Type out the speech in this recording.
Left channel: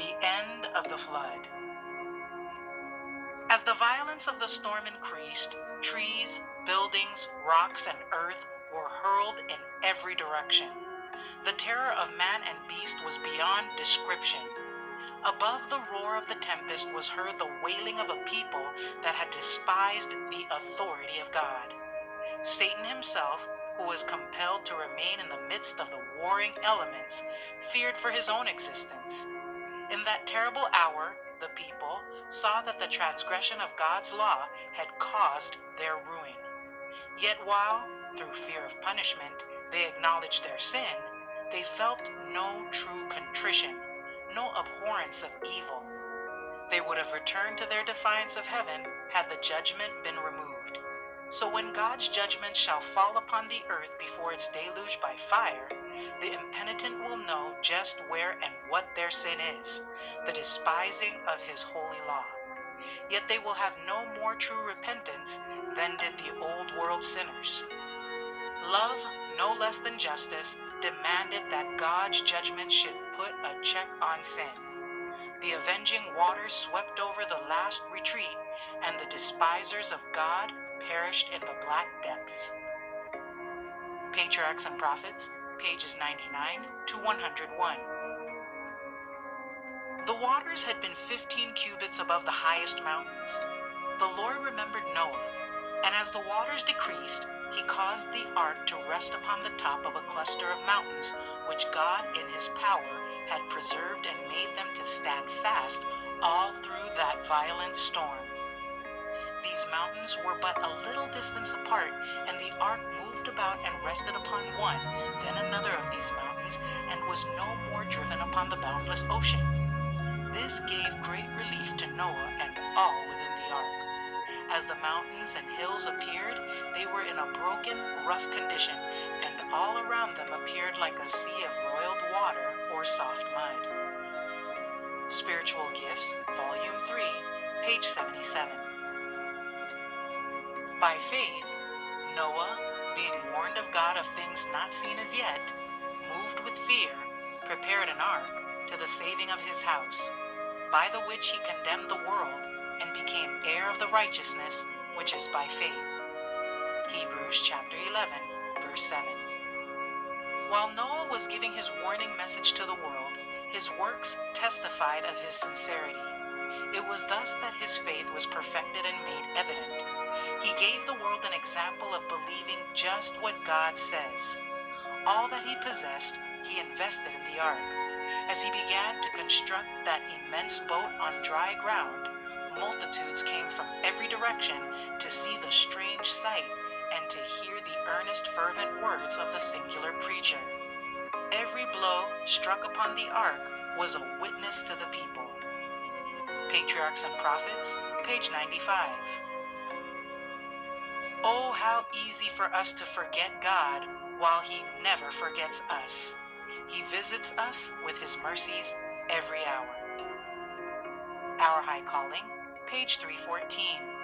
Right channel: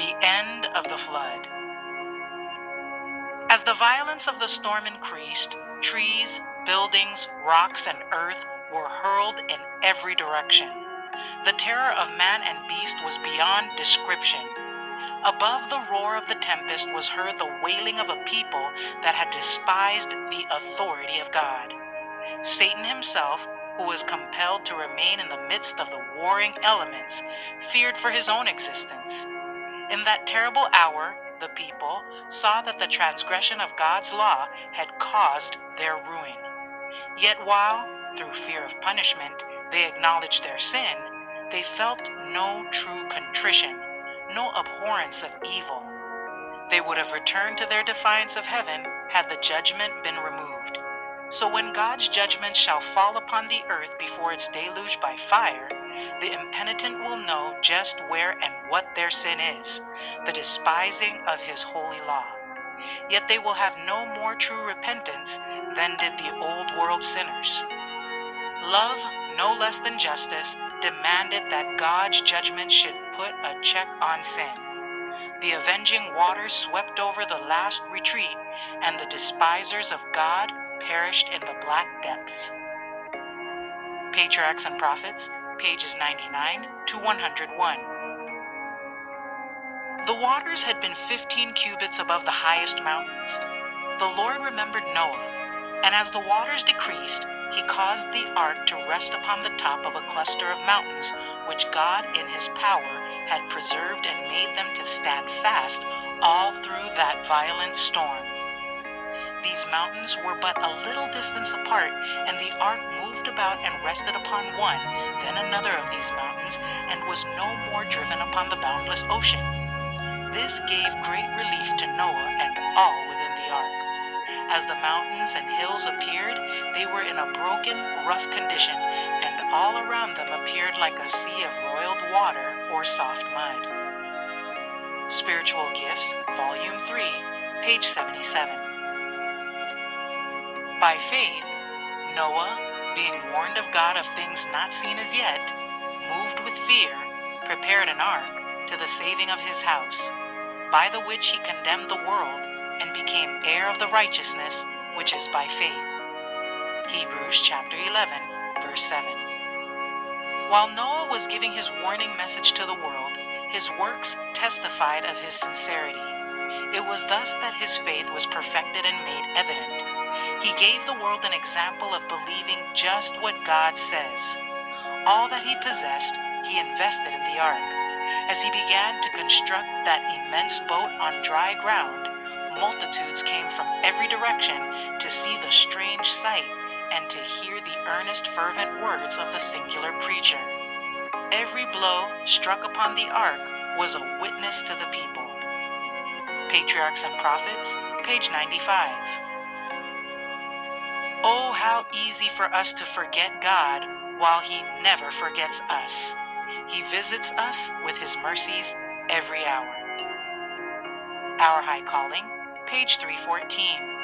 The end of the flood. As the violence of the storm increased, trees, buildings, rocks, and earth were hurled in every direction. The terror of man and beast was beyond description. Above the roar of the tempest was heard the wailing of a people that had despised the authority of God. Satan himself, who was compelled to remain in the midst of the warring elements, feared for his own existence. In that terrible hour, the people saw that the transgression of God's law had caused their ruin. Yet while, through fear of punishment, they acknowledged their sin, they felt no true contrition, no abhorrence of evil. They would have returned to their defiance of heaven had the judgment been removed. So when God's judgment shall fall upon the earth before it's deluged by fire, the impenitent will know just where and what their sin is, the despising of his holy law. Yet they will have no more true repentance than did the old world sinners. Love, no less than justice, demanded that God's judgment should put a check on sin. The avenging waters swept over the last retreat, and the despisers of God perished in the black depths. Patriarchs and Prophets, pages 99 to 101. The waters had been 15 cubits above the highest mountains. The Lord remembered Noah, and as the waters decreased, he caused the ark to rest upon the top of a cluster of mountains, which God in his power had preserved and made them to stand fast all through that violent storm. These mountains were but a little distance apart, and the ark moved about and rested upon one, then another of these mountains, and was no more driven upon the boundless ocean. This gave great relief to Noah and all within the ark. As the mountains and hills appeared, they were in a broken, rough condition, and all around them appeared like a sea of roiled water or soft mud. Spiritual Gifts, Volume 3, page 77. By faith, Noah, being warned of God of things not seen as yet, moved with fear, prepared an ark to the saving of his house, by the which he condemned the world and became heir of the righteousness which is by faith. Hebrews chapter 11, verse 7. While Noah was giving his warning message to the world, his works testified of his sincerity. It was thus that his faith was perfected and made evident. He gave the world an example of believing just what God says. All that he possessed, he invested in the ark. As he began to construct that immense boat on dry ground, multitudes came from every direction to see the strange sight and to hear the earnest, fervent words of the singular preacher. Every blow struck upon the ark was a witness to the people. Patriarchs and Prophets, page 95. Oh, how easy for us to forget God while he never forgets us. He visits us with his mercies every hour. Our High Calling, page 314.